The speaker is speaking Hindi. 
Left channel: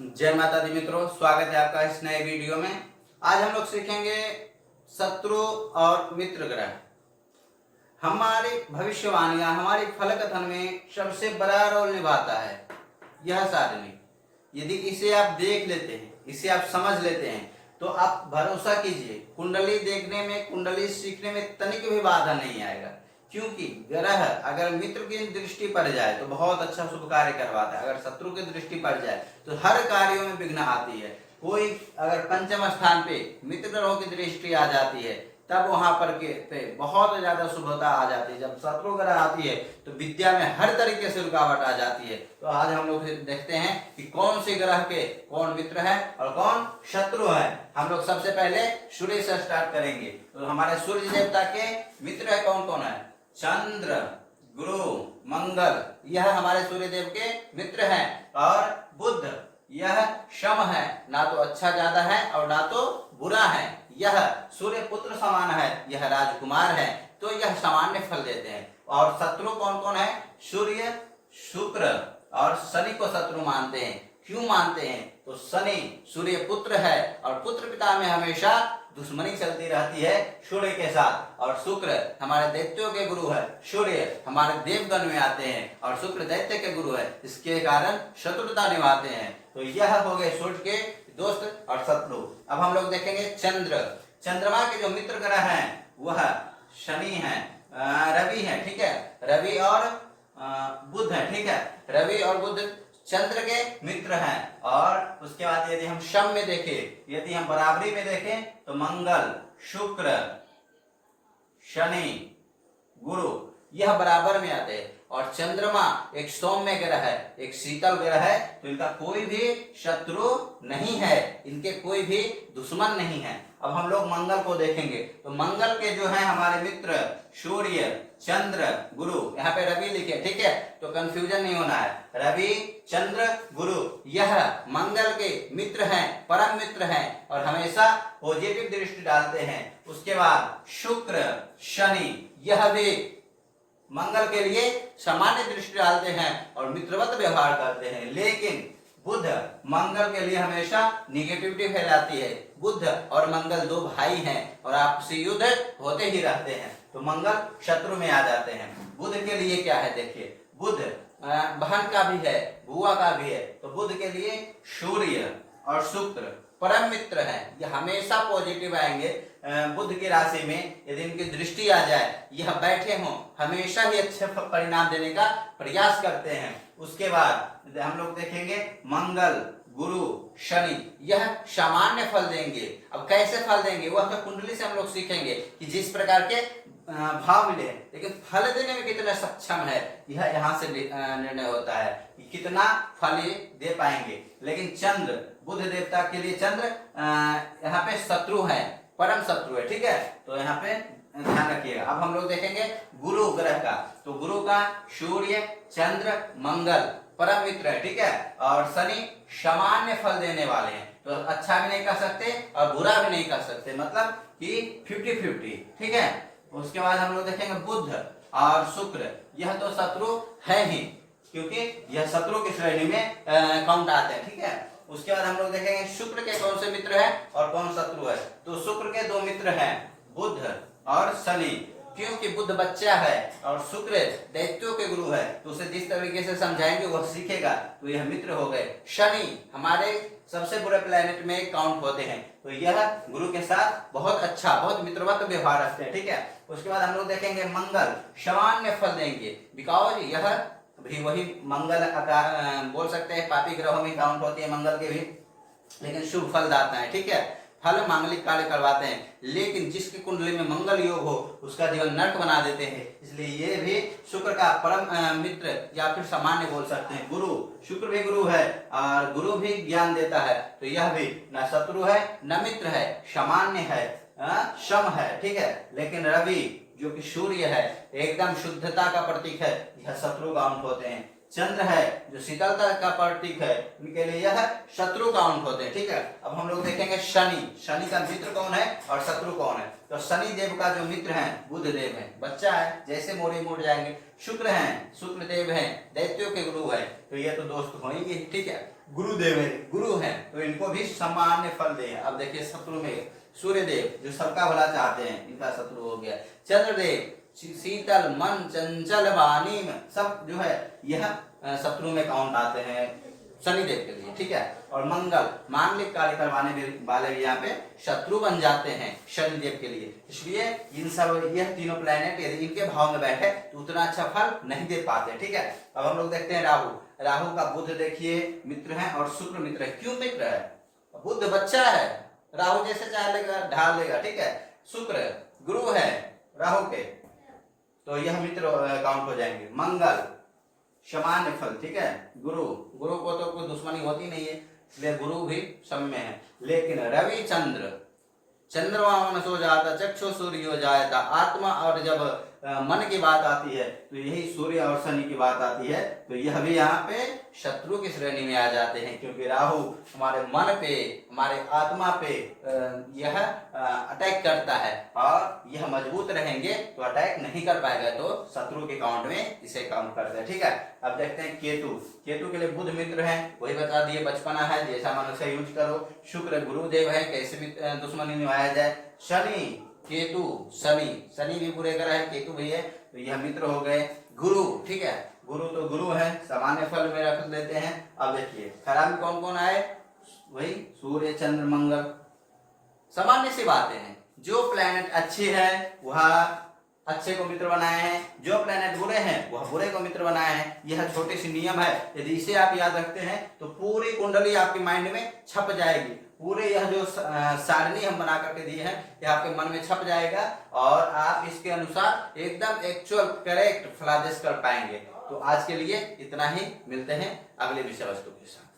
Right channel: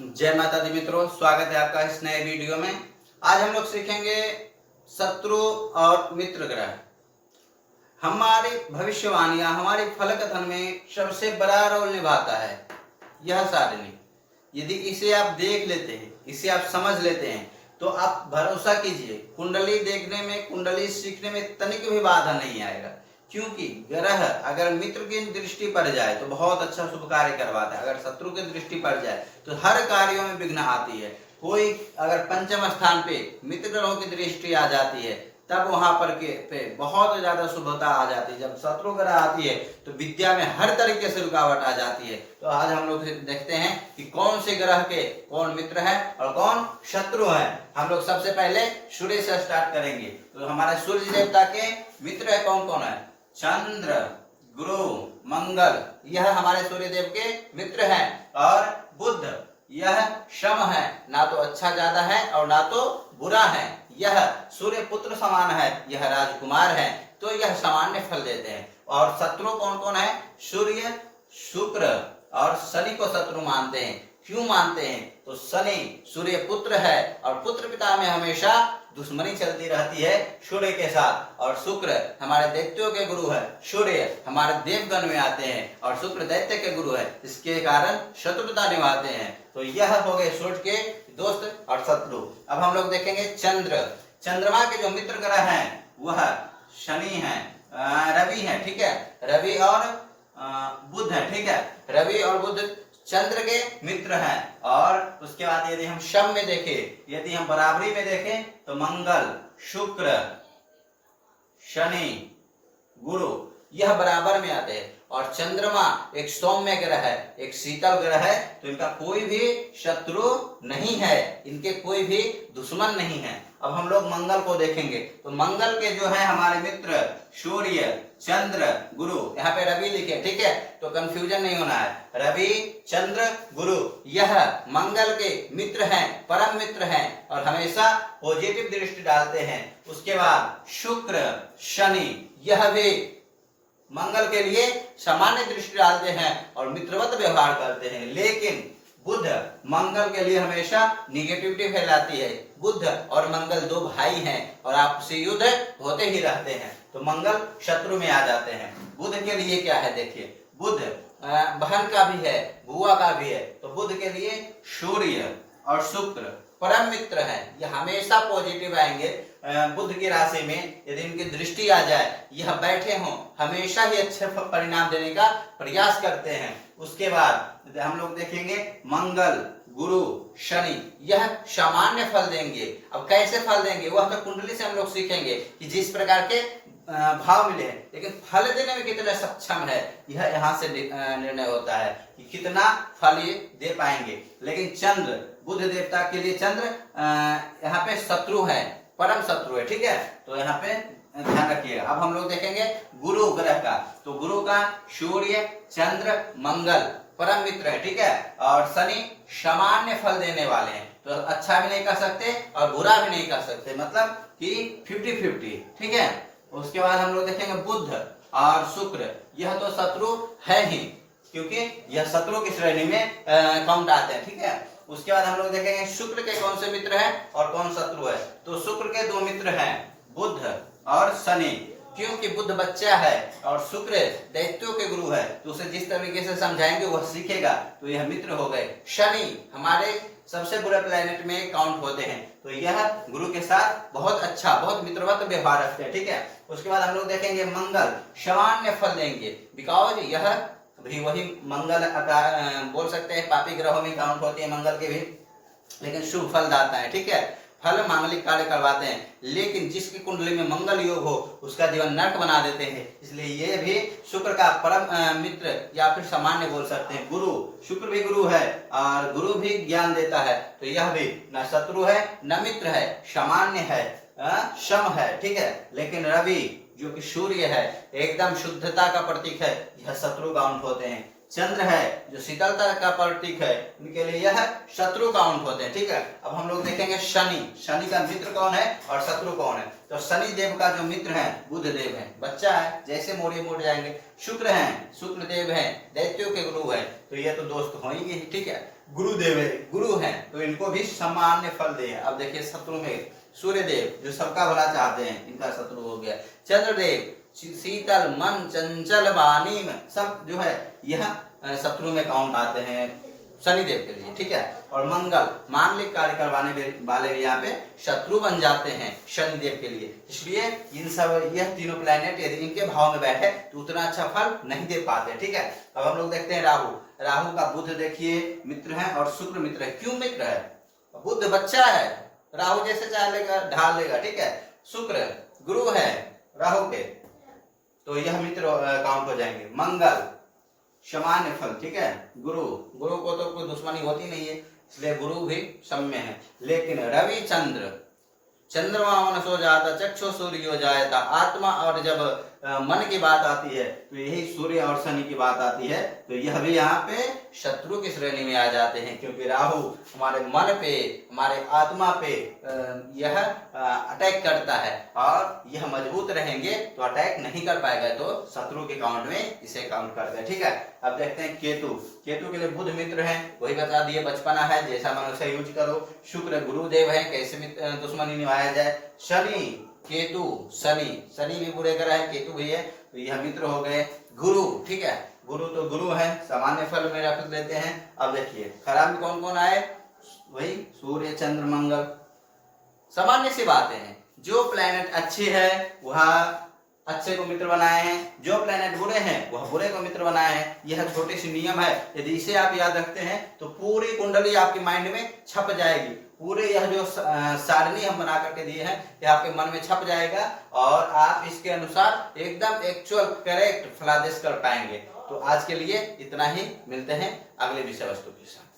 जय माता दी मित्रों, स्वागत है आपका इस नए वीडियो में। आज हम लोग सीखेंगे शत्रु और मित्र ग्रह। हमारी भविष्यवाणियां, हमारी फलकथन में सबसे बड़ा रोल निभाता है यह सारणी। यदि इसे आप देख लेते हैं, इसे आप समझ लेते हैं, तो आप भरोसा कीजिए, कुंडली देखने में, कुंडली सीखने में तनिक भी बाधा नहीं आएगा। क्योंकि ग्रह अगर मित्र की दृष्टि पड़ जाए तो बहुत अच्छा शुभ कार्य करवाता है, अगर शत्रु की दृष्टि पड़ जाए तो हर कार्यों में विघ्न आती है। कोई अगर पंचम स्थान पे मित्र ग्रहों की दृष्टि आ जाती है तब वहां पर पे बहुत ज्यादा शुभता आ जाती है। जब शत्रु ग्रह आती है तो विद्या में हर तरीके से रुकावट आ जाती है। तो आज हम लोग देखते हैं कि कौन से ग्रह के कौन मित्र है और कौन शत्रु है। हम लोग सबसे पहले सूर्य से स्टार्ट करेंगे। तो हमारे सूर्य देवता के मित्र है कौन कौन है? चंद्र, गुरु, मंगल, यह हमारे सूर्य देव के मित्र हैं। और बुध, यह शम है, ना तो अच्छा ज्यादा है और ना तो बुरा है। यह सूर्य पुत्र समान है, यह राजकुमार है, तो यह सामान्य फल देते हैं। और शत्रु कौन कौन है? सूर्य, शुक्र और शनि को शत्रु मानते हैं। क्यों मानते हैं? तो शनि सूर्य पुत्र है और पुत्र पिता में हमेशा दुश्मनी चलती रहती है सूर्य के साथ। और शुक्र हमारे दैत्यों के गुरु है, सूर्य हमारे देवगण में आते हैं और शुक्र दैत्य के गुरु है, इसके कारण शत्रुता निभाते हैं। तो यह हो गए सूर्य के दोस्त और शत्रु। अब हम लोग देखेंगे चंद्र। चंद्रमा के जो मित्र ग्रह हैं वह शनि है, रवि है, ठीक है, रवि और बुध है, ठीक है। रवि और बुध चंद्र के मित्र हैं। और उसके बाद यदि हम शम में देखें, यदि हम बराबरी में देखें तो मंगल, शुक्र, शनि, गुरु यह बराबर में आते हैं। और चंद्रमा एक सौम्य ग्रह है, एक शीतल ग्रह है, तो इनका कोई भी शत्रु नहीं है, इनके कोई भी दुश्मन नहीं है। अब हम लोग मंगल को देखेंगे तो मंगल के जो है हमारे मित्र सूर्य, चंद्र, गुरु, यहाँ पे रवि लिखे, ठीक है, तो कंफ्यूजन नहीं होना है। रवि, चंद्र, गुरु यह मंगल के मित्र हैं, परम मित्र हैं और हमेशा पॉजिटिव दृष्टि डालते हैं। उसके बाद शुक्र, शनि यह भी मंगल के लिए सामान्य दृष्टि डालते हैं और मित्रवत व्यवहार करते हैं। लेकिन बुध मंगल के लिए हमेशा निगेटिविटी फैलाती है। बुध और मंगल दो भाई हैं और आपसी युद्ध होते ही रहते हैं, तो मंगल शत्रु में आ जाते हैं। बुध के लिए क्या है देखिए, बुध बहन का भी है, बुआ का भी है, तो बुध के लिए सूर्य और शुक्र परम मित्र हैं, ये हमेशा पॉजिटिव आएंगे। बुध की राशि में यदि इनकी दृष्टि आ जाए, यह बैठे हों, हमेशा ही अच्छे परिणाम देने का प्रयास करते हैं। उसके बाद हम लोग देखेंगे मंगल, गुरु, शनि यह सामान्य फल देंगे। अब कैसे फल देंगे वह तो कुंडली से हम लोग सीखेंगे कि जिस प्रकार के भाव मिले, लेकिन फल देने में कितना सक्षम है यह यहाँ से निर्णय होता है कि कितना फल ये दे पाएंगे। लेकिन चंद्र, बुध देवता के लिए चंद्र यहाँ पे शत्रु है, परम शत्रु है, ठीक है, तो यहाँ पे ध्यान रखिएगा। अब हम लोग देखेंगे गुरु ग्रह का, तो गुरु का सूर्य, चंद्र, मंगल परम मित्र है, ठीक है, और शनि सामान्य फल देने वाले हैं, तो अच्छा भी नहीं कर सकते और बुरा भी नहीं कर सकते, मतलब कि 50-50, ठीक है। उसके बाद हम लोग देखेंगे बुध और शुक्र, यह तो शत्रु है ही, क्योंकि यह शत्रु की श्रेणी में काउंट आते हैं, ठीक है। उसके बाद हम लोग देखेंगे शुक्र के कौन से मित्र हैं और कौन शत्रु है। तो शुक्र के दो मित्र हैं, बुध और शनि, क्योंकि बुध बच्चा है और शुक्र दैत्यों के गुरु है, तो उसे जिस तरीके से समझाएंगे वह सीखेगा, तो यह मित्र हो गए। शनि हमारे सबसे बुरे प्लेनेट में काउंट होते हैं, तो यह गुरु के साथ बहुत अच्छा, बहुत मित्रवत व्यवहार रखते हैं, ठीक है। उसके बाद हम लोग देखेंगे मंगल सामान्य फल देंगे, बिकॉज यह भी वही मंगल बोल सकते हैं, पापी ग्रहों में काउंट होती है मंगल के भी, लेकिन शुभ फल दाता है, ठीक है, फल मांगलिक कार्य करवाते हैं। लेकिन जिसकी कुंडली में मंगल योग हो उसका जीवन नरक बना देते हैं, इसलिए ये भी शुक्र का परम मित्र या फिर सामान्य बोल सकते हैं। गुरु, शुक्र भी गुरु है और गुरु भी ज्ञान देता है, तो यह भी न शत्रु है न मित्र है, सामान्य है, शम है, ठीक है। लेकिन रवि जो कि सूर्य है, एकदम शुद्धता का प्रतीक है, यह शत्रु काउंट होते हैं। चंद्र है जो शीतलता का प्रतीक है, इनके लिए यह शत्रु काउंट होते हैं, ठीक है। अब हम लोग देखेंगे शनि, शनि का मित्र कौन है और शत्रु कौन है। तो शनि देव का जो मित्र है बुध देव है, बच्चा है, जैसे मोड़े मोड़ जाएंगे। शुक्र है, शुक्र देव है, दैत्यों के गुरु है, तो ये तो दोस्त होंगे, ठीक है। गुरुदेव है, गुरु हैं, तो इनको भी सामान्य फल दे। अब देखिए शत्रु में सूर्य देव जो सबका भला चाहते हैं, इनका शत्रु हो गया। चंद्रदेव शीतल मन चंचल वाणी में, सब जो है यह शत्रु में काउंट आते हैं शनिदेव के लिए, ठीक है। और मंगल मांगलिक कार्य करवाने वाले भी यहाँ पे शत्रु बन जाते हैं शनिदेव के लिए। इसलिए इन सब यह तीनों प्लैनेट यदि इनके भाव में बैठे तो उतना अच्छा फल नहीं दे पाते, ठीक है। अब हम लोग देखते हैं राहु। राहु का बुध देखिए मित्र है और शुक्र मित्र है। क्यों मित्र है? बुध बच्चा है, राहु जैसे चाह लेगा ढाल लेगा, ठीक है। शुक्र गुरु है राहु के, तो यह मित्र काउंट हो जाएंगे। मंगल सामान्य फल, ठीक है। गुरु को तो कोई दुश्मनी होती नहीं है, इसलिए गुरु भी सम्य है। लेकिन रवि चंद्र, चंद्रमा मन सो जाता चक्षु सूर्य हो जाता आत्मा, और जब मन की बात आती है तो यही सूर्य और शनि की बात आती है, तो यह भी यहाँ पे शत्रु की श्रेणी में आ जाते हैं। क्योंकि राहु हमारे मन पे, हमारे आत्मा पे यह अटैक करता है, और यह मजबूत रहेंगे तो अटैक नहीं कर पाएगा, तो शत्रु के काउंट में इसे काउंट करते हैं, ठीक है। अब देखते हैं केतु। केतु के लिए बुध मित्र है, वही बता दिए, बचपना है, जैसा मन से यूज करो। शुक्र गुरुदेव है, कैसे भी दुश्मनी निभाया जाए। शनि केतु, शनि भी बुरे ग्रह है, केतु भी है, तो यह मित्र हो गए। गुरु, ठीक है, गुरु तो गुरु है, सामान्य फल में रख देते हैं। अब देखिए खराब में कौन कौन आए, वही सूर्य चंद्र मंगल, सामान्य सी बातें हैं। जो प्लैनेट अच्छे है वह अच्छे को मित्र बनाए हैं, जो प्लैनेट बुरे हैं वह बुरे को मित्र बनाए हैं। यह छोटी सी नियम है, यदि इसे आप याद रखते हैं तो पूरी कुंडली आपके माइंड में छप जाएगी। पूरे यह जो सारणी हम बना करके दिए हैं यह आपके मन में छप जाएगा, और आप इसके अनुसार एकदम एक्चुअल करेक्ट फलादेश कर पाएंगे। तो आज के लिए इतना ही, मिलते हैं अगले विषय वस्तु के साथ।